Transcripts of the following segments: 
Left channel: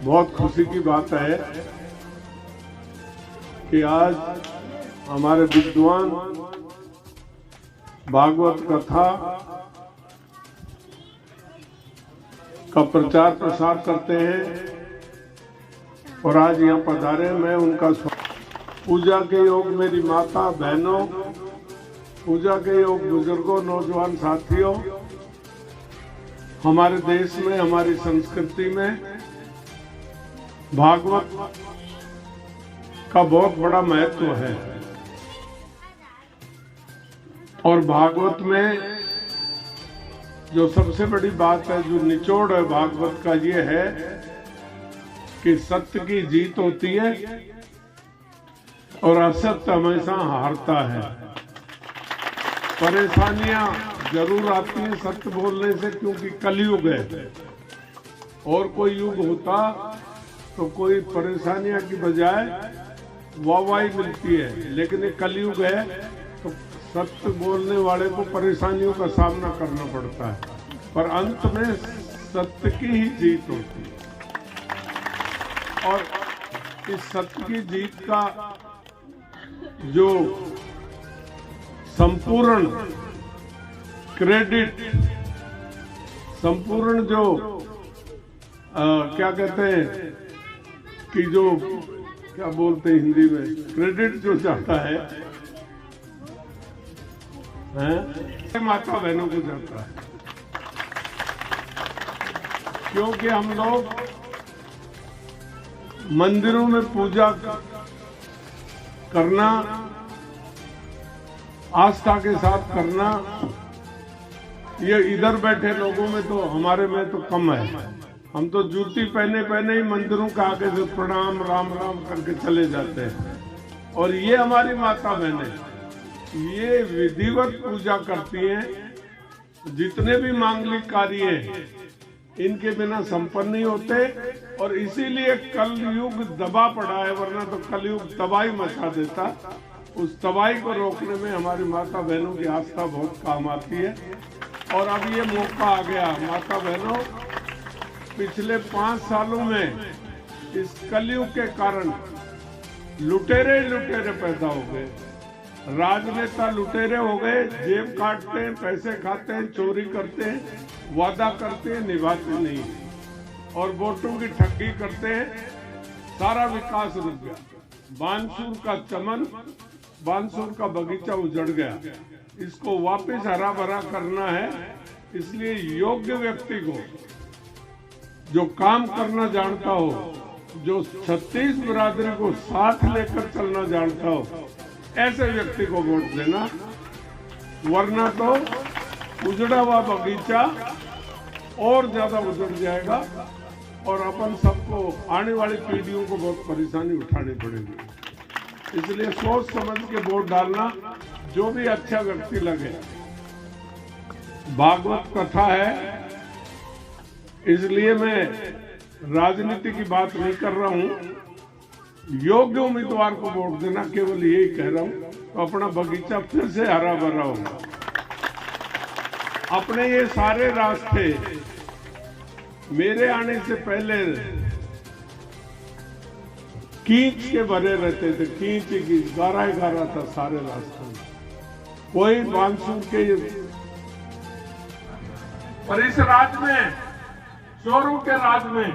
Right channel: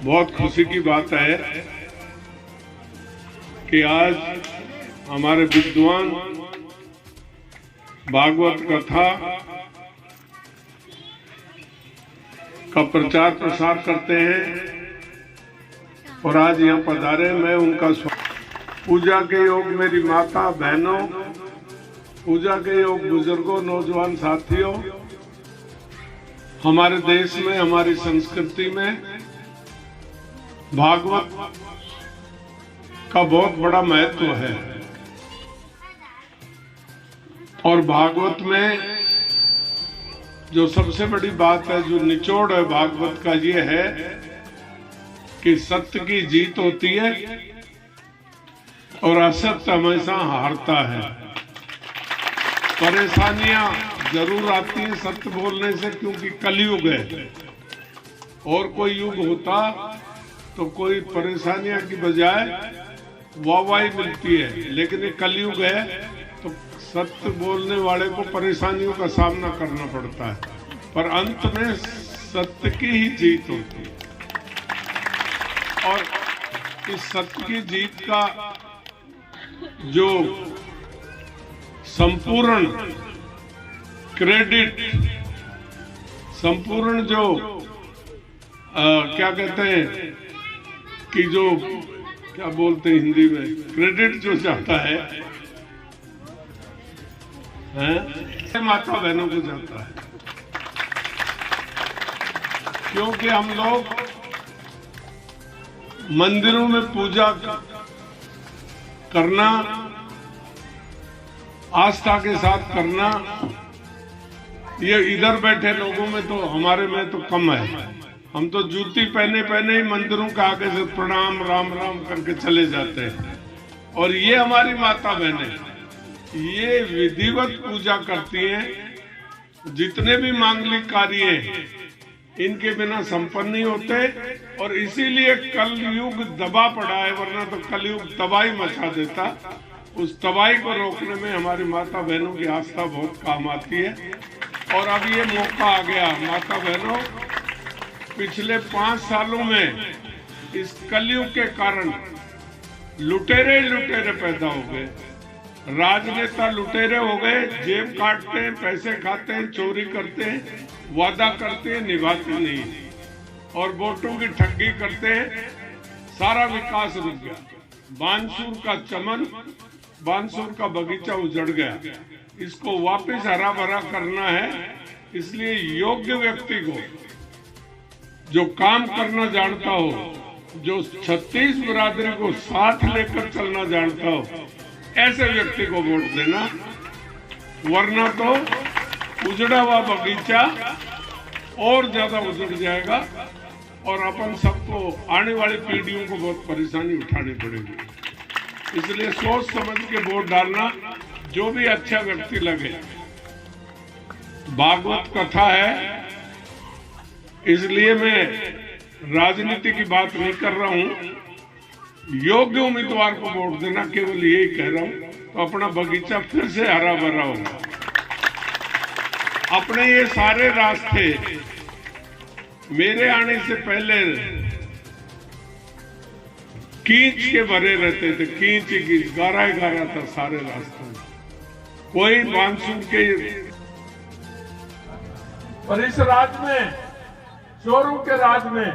बहुत खुशी की बात है कि आज हमारे विद्वान भागवत कथा का प्रचार प्रसार करते हैं और आज यहाँ पधारे। मैं उनका पूजा के योग मेरी माता बहनों, पूजा के योग बुजुर्गों, नौजवान साथियों, हमारे देश में, हमारी संस्कृति में भागवत का बहुत बड़ा महत्व है। और भागवत में जो सबसे बड़ी बात है, जो निचोड़ है भागवत का, ये है कि सत्य की जीत होती है और असत्य हमेशा हारता है। परेशानियां जरूर आती हैं सत्य बोलने से, क्योंकि कलयुग है। और कोई युग होता तो कोई परेशानियां की बजाय वाहवाही मिलती है, लेकिन ये कलयुग है तो सत्य बोलने वाले को परेशानियों का सामना करना पड़ता है, पर अंत में सत्य की ही जीत होती है। और इस सत्य की जीत का जो संपूर्ण क्रेडिट, संपूर्ण जो क्या कहते हैं कि जो क्या बोलते हैं हिंदी में, क्रेडिट जो जाता है माता बहनों को जाता है। क्योंकि हम लोग मंदिरों में पूजा करना, आस्था के साथ करना, ये इधर बैठे लोगों में तो, हमारे में तो कम है। हम तो जूती पहने पहने ही मंदिरों के आगे से प्रणाम राम राम करके चले जाते हैं। और ये हमारी माता बहनें ये विधिवत पूजा करती हैं। जितने भी मांगलिक कार्य हैं इनके बिना संपन्न नहीं होते। और इसीलिए कलयुग दबा पड़ा है, वरना तो कलयुग तबाही मचा देता। उस तबाही को रोकने में हमारी माता बहनों की आस्था बहुत काम आती है। और अब ये मौका आ गया। माता बहनों, पिछले 5 सालों में इस कलयुग के कारण लुटेरे लुटेरे पैदा हो गए, राजनेता लुटेरे हो गए, जेब काटते हैं, पैसे खाते हैं, चोरी करते हैं, वादा करते हैं, निभाते नहीं, और वोटों की ठगी करते हैं। सारा विकास रुक गया। बानसूर का चमन, बानसूर का बगीचा उजड़ गया। इसको वापस हरा भरा करना है। इसलिए योग्य व्यक्ति को, जो काम करना जानता हो, जो 36 बिरादरी को साथ लेकर चलना जानता हो, ऐसे व्यक्ति को वोट देना। वरना तो उजड़ा हुआ बगीचा और ज्यादा उजड़ जाएगा और अपन सबको, आने वाली पीढ़ियों को बहुत परेशानी उठानी पड़ेगी। इसलिए सोच समझ के वोट डालना। जो भी अच्छा व्यक्ति लगे। भागवत कथा है, इसलिए मैं राजनीति की बात नहीं कर रहा हूं। योग्य उम्मीदवार को वोट देना, केवल यही कह रहा हूं, तो अपना बगीचा फिर से हरा भरा होगा। अपने ये सारे रास्ते मेरे आने से पहले कीच के भरे रहते थे, कीच गारा था सारे रास्तों में। कोई मानसून के, पर इस राज में, चोरों के राज में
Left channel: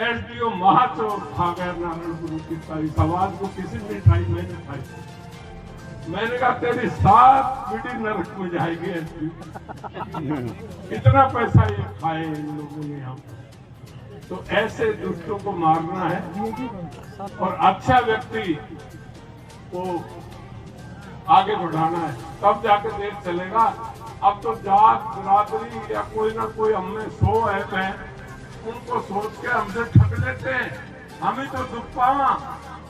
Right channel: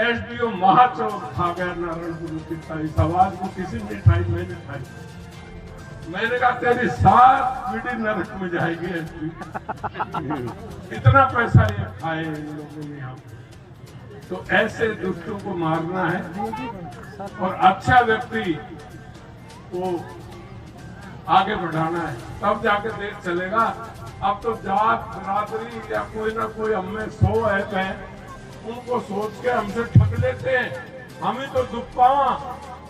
एसडीओ महाचोर खा गया नारायण गुरु की समाज को। किसी मिठाई मैंने खाई, मैंने कहा तेरी 7 पीढ़ी नरक में जाएगी। इतना पैसा ये खाए इन लोगों ने यहाँ पे। तो ऐसे दुष्टों को मारना है और अच्छा व्यक्ति को आगे बढ़ाना है, तब जाके देश चलेगा। अब तो जात बिरादरी या कोई ना कोई हमें 100 ऐप है, उनको सोच के हमसे ठग लेते हैं। हम ही तो दुख पावा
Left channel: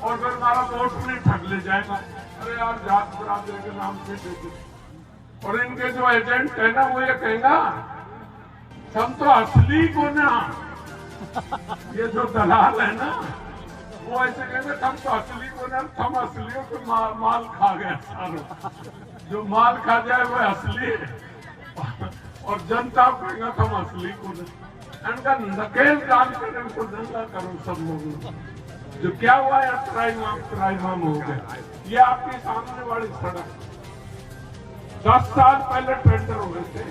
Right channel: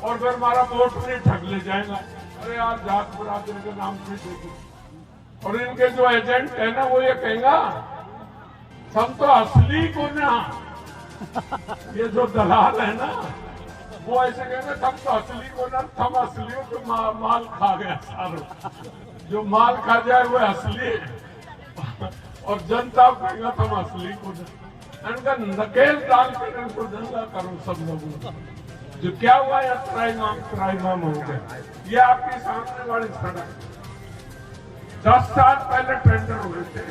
और फिर हमारा वोट नहीं ठग ले जाएगा। अरे यार, जात बिरादरी के नाम पे देते। और इनके जो एजेंट है ना, वो ये कहेगा हम तो असली को ना, ये जो दलाल है ना, वो ऐसे कहेंगे हम तो असली को ना, हम असलियों को माल खा गया सारों। जो माल खा जाए वो असली है और जनता कहेगा हम असली को ना। इनका नकेल डाल कर इनको दंगा करो सब लोगों को। जो क्या हुआ है त्राईमाम हो गया। ये आपकी सामने वाली सड़क 10 साल पहले टेंडर हुए थे,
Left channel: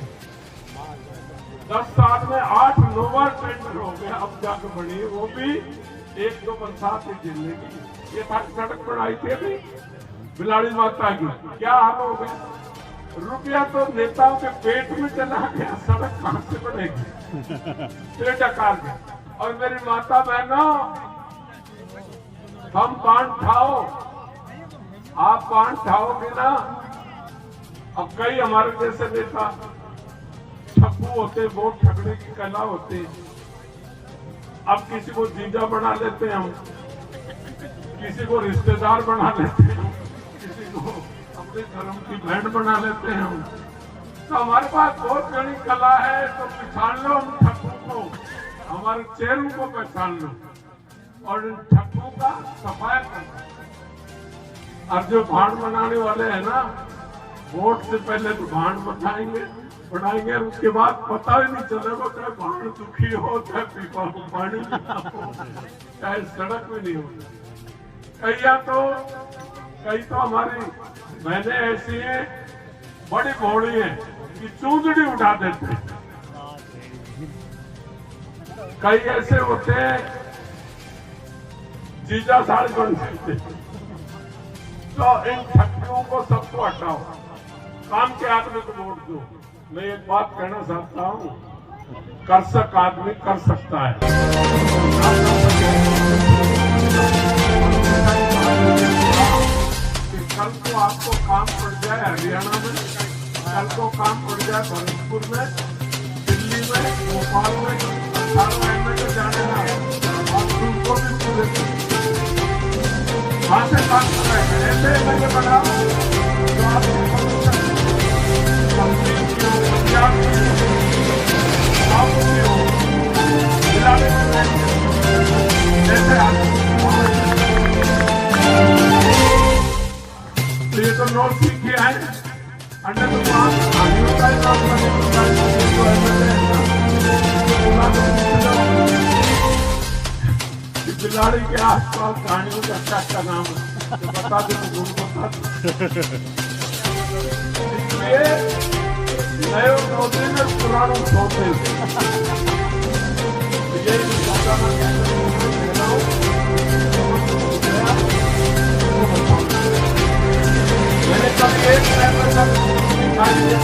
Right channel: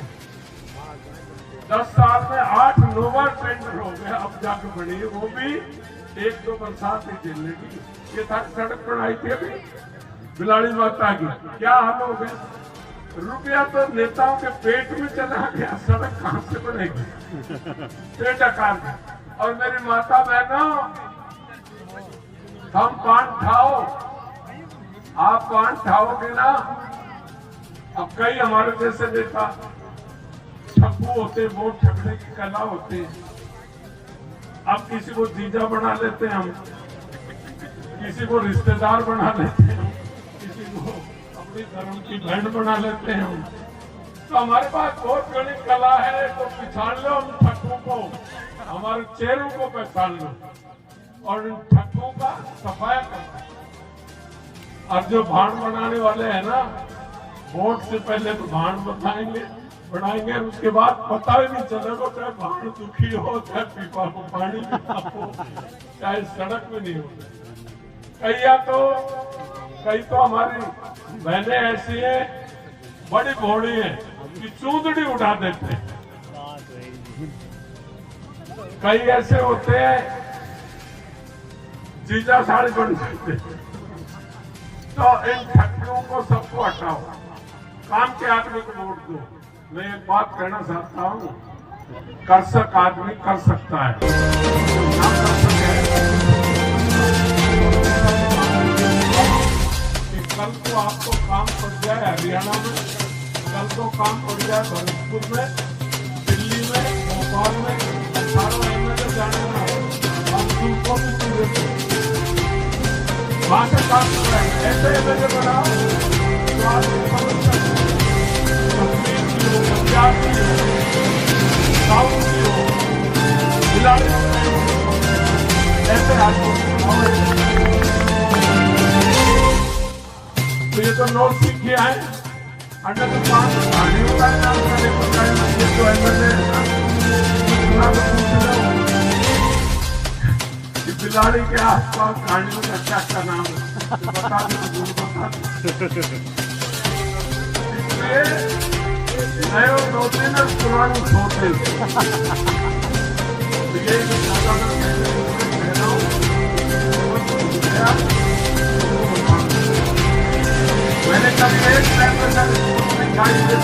10 साल में 8-9 बार टेंडर हो गए, अब जाके बनी है, वो भी 1-2 बरसात ही झेलेगी। ये था सड़क बनाई थी अभी बिलाड़ी माता की, क्या हाल हो गया। रुपया तो नेताओं के पेट में चला गया, सड़क कहां से बनेगी। पेट अकाल में। और मेरी माता बहनों, हम पान खाओ, आप पान खाओगे ना। अब कई हमारे जैसे नेता ठप्पू होते, वोट ठगने की कला होती। अब किसी को जीजा बना लेते हैं हम, किसी को रिश्तेदार बना लेते हैं, किसी को अपने धर्म की बहन बना लेते हैं हम। तो हमारे पास बहुत बड़ी कला है, तो पहचान लो हम ठप्पू को, हमारे चेहरों को पहचान लो और इन ठप्पू का सफाया करो। और जो भाड़ बनाने वाले हैं ना, वोट से पहले तो भाड़ बनाएंगे और उसके बाद पता ही नहीं चलेगा, चाहे भाड़ दुखी हो, चाहे पीपा को पानी हो, चाहे सड़क में नहीं हो। कई तो हमारी बहनें ऐसी हैं, बड़ी भोड़ी हैं कि चूंदड़ी उठा देते हैं। कई ऐसे होते हैं जीजा साड़ी बन जाते हैं। तो इन ठट्ठुओं को सबको हटाओ, काम के आदमी को वोट दो। मैं एक बात कहना चाहता हूँ, कर्षक आदमी कर सकता है। कल को आपको काम पड़ जाए हरियाणा में, कल को काम पड़ जाए भरतपुर में, दिल्ली में, भोपाल में, 18 एमएलए जाने ना उनको भी पूरे वहां से काम कर रहे हैं। ऐसे एमएलए बनाओ जो आपके समझ कश्मीर की हो, पंजाब की हो, साउथ की हो, बिलाड़ी ऐसे आदमी। तो ये तो नोट सीख के आए, अंडर तो पास आने होता है काम करने को चाहिए। ये तो एमएलए बुला के पूछ लो कि बिलाड़ी के आसपास कहानियों का क्या नाम है, तो बता दो, बता दो। इसलिए नए नौते में पुराने सोते ये जो मैंने कभी एक दिखाई दे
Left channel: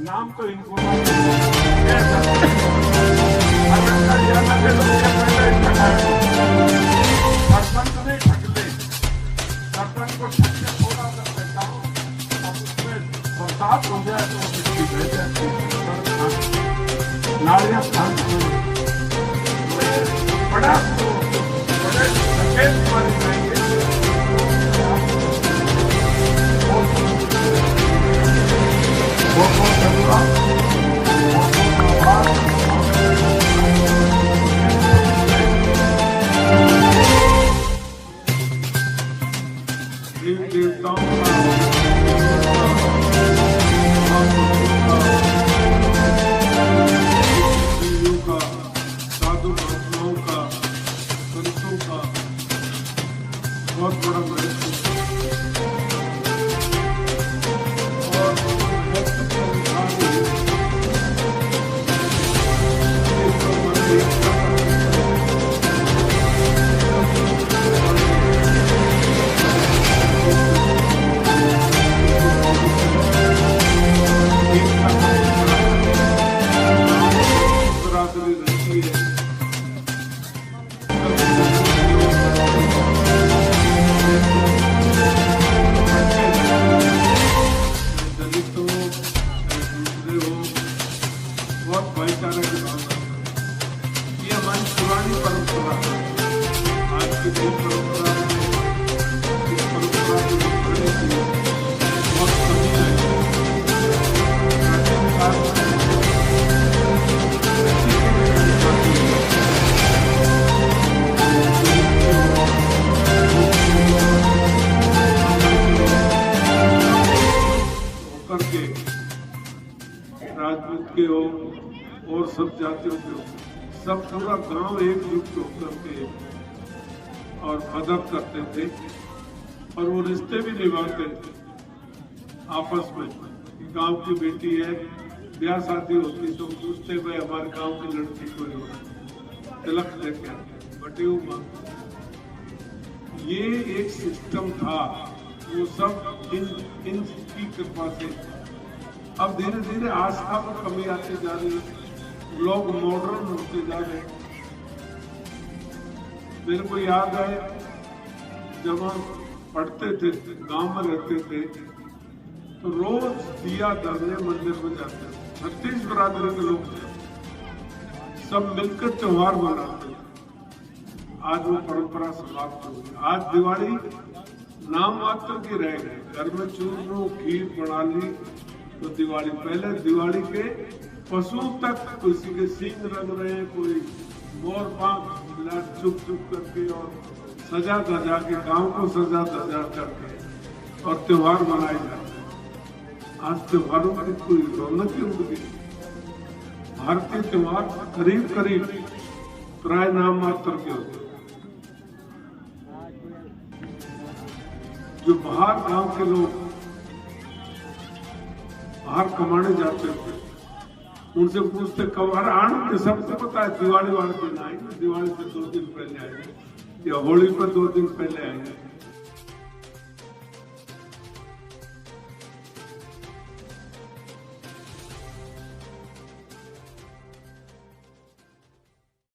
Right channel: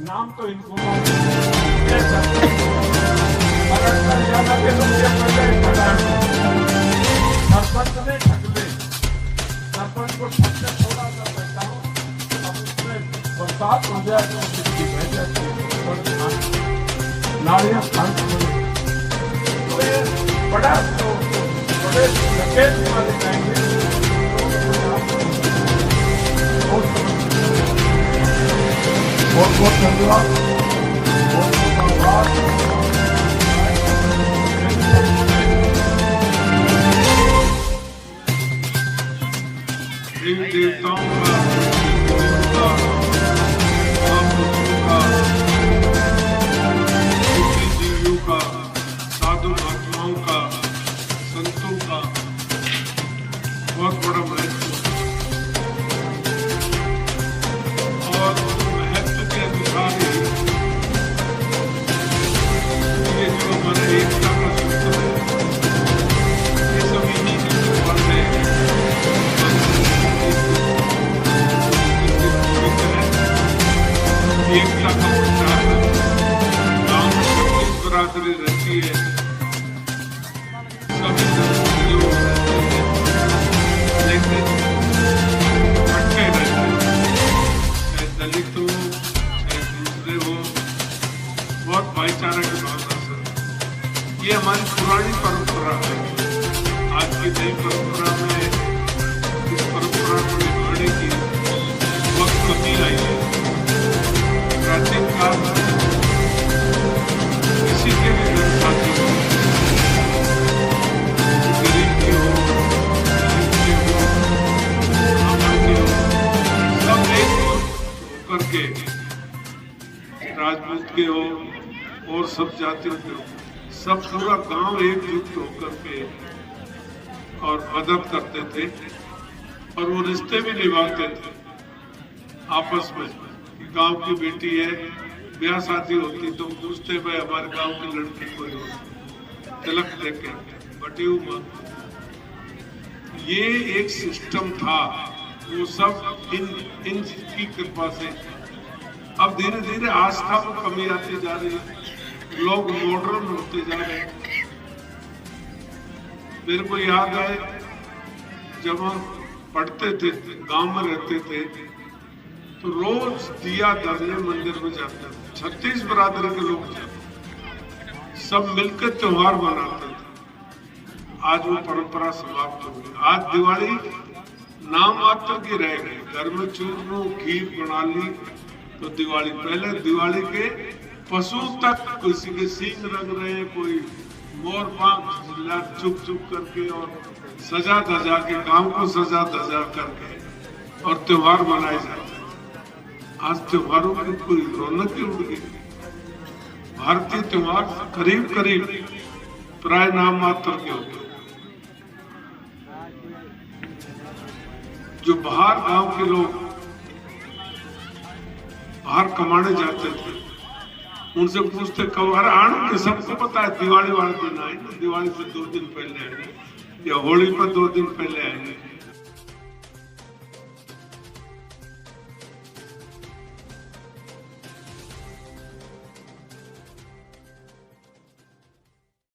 नाम तो इनको सरपंच ने ठग दे, सरपंच को ठग के थोड़ा सा बैठा हो, अब उसमें बरसात हो जाए तो मिट्टी बह जाती है, नालियां खान तो ये बड़ा तो बड़े सकेत वाले जाएंगे। बहुत बहुत धन्यवाद, बहुत बहुत आभार। देवताओं का, साधु महात्माओं का, संतों का बहुत बड़ा महत्व और महत्व के अनुसार ही ये जो हमारे एकता का सूत्र है, ये सब इन्हीं के पढ़ने राजपूत के हो और सब जातियों के हो, सब पूरा गांव एकजुट होकर के और मदद करते थे और वो रिश्ते भी निभाते थे आपस में। गांव की बेटी है, ब्याह शादी होती तो पूछते भाई हमारे गांव की लड़की कोई हो, तिलक देके बटी ये एक सिस्टम था, वो सब इनकी कृपा से। अब धीरे धीरे आस्था में कमी आती जा रही है, लोग मॉडर्न होते जा रहे हैं। मेरे को याद है जब हम पढ़ते थे, गांव में रहते थे, तो रोज दिया धरने मंदिर में जाते थे। 36 बरादरी के लोग जाते, सब मिलकर त्योहार मनाते थे। आज वो परंपरा समाप्त हो गई। आज दिवाली नाम मात्र की रह गई। घर में चूरमू खीर बना ली तो दिवाली। पहले दिवाली के पशु तक किसी के सींग रंग रहे हैं, कोई मोर पंख चुप चुप करके और सजा धजा के, गांव को सजा धजा करके और त्योहार मनाए जाते हैं। आज त्योहारों की कोई रौनक ही उड़ गई। भारतीय त्योहार करीब करीब प्राय नाम मात्र के हो गए। जो बाहर गांव के लोग बाहर कमाने जाते थे, उनसे पूछते कब आने के, सबको पता है दिवाली वाले दिन आएंगे, दिवाली से 2 दिन पहले आएंगे या होली पर 2 दिन पहले आएंगे।